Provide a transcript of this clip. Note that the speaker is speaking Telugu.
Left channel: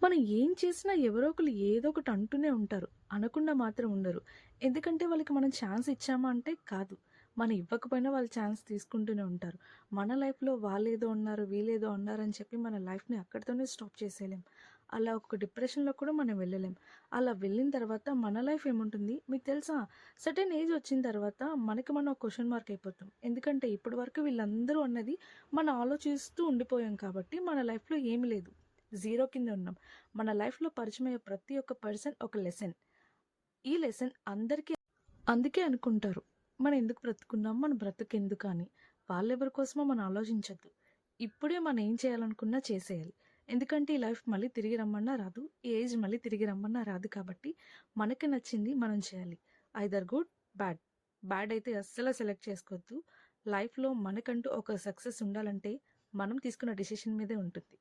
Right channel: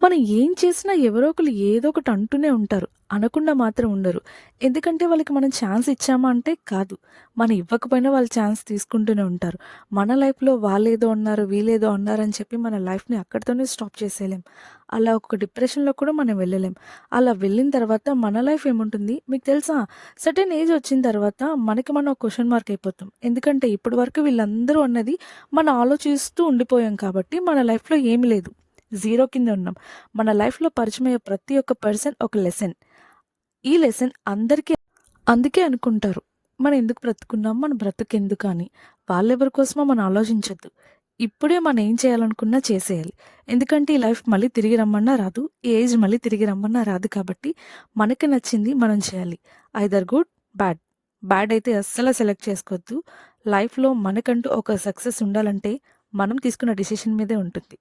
మనం ఏం చేసినా ఎవరో ఒకళ్ళు ఏదో ఒకటి అంటూనే ఉంటారు. అనకుండా మాత్రం ఉండరు. ఎందుకంటే వాళ్ళకి మనం ఛాన్స్ ఇచ్చామా అంటే కాదు. మనం ఇవ్వకపోయినా వాళ్ళు ఛాన్స్ తీసుకుంటూనే ఉంటారు. మన లైఫ్‌లో వాళ్ళేదో అన్నారు, వీళ్ళేదో అన్నారని చెప్పి మన లైఫ్‌ని అక్కడితోనే స్టాప్ చేసేయలేం. అలా ఒక డిప్రెషన్‌లో కూడా మనం వెళ్ళలేం. అలా వెళ్ళిన తర్వాత మన లైఫ్ ఏముంటుంది మీకు తెలుసా? సర్టెన్ ఏజ్ వచ్చిన తర్వాత మనకి మనం ఒక క్వెషన్ మార్క్ అయిపోతాం. ఎందుకంటే ఇప్పటి వరకు వీళ్ళందరూ అన్నది మనం ఆలోచిస్తూ ఉండిపోయాం కాబట్టి మన లైఫ్‌లో ఏమి లేదు. జీరో కింద ఉన్నాం. మన లైఫ్‌లో పరిచయమయ్యే ప్రతి ఒక్క పర్సన్ ఒక లెసన్. ఈ లెసన్ అందరికీ అందుకే అనుకుంటారు. మనం ఎందుకు బ్రతుకున్నాం? మన బ్రతుకెందుకు అని. వాళ్ళెవరి కోసమో మనం ఆలోచించొద్దు. ఇప్పుడే మనం ఏం చేయాలనుకున్నా చేసేయాలి. ఎందుకంటే ఈ లైఫ్ మళ్ళీ తిరిగి రమ్మన్నా రాదు. ఈ ఏజ్ మళ్ళీ తిరిగి రమ్మన్నా రాదు కాబట్టి మనకి నచ్చింది మనం చేయాలి. Either good, bad. బ్యాడ్ అయితే అస్సలు సెలెక్ట్ చేసుకోవద్దు. లైఫ్‌లో మనకంటూ ఒక సక్సెస్ ఉండాలంటే మనం తీసుకున్న డెసిషన్ మీదే ఉంటుంది.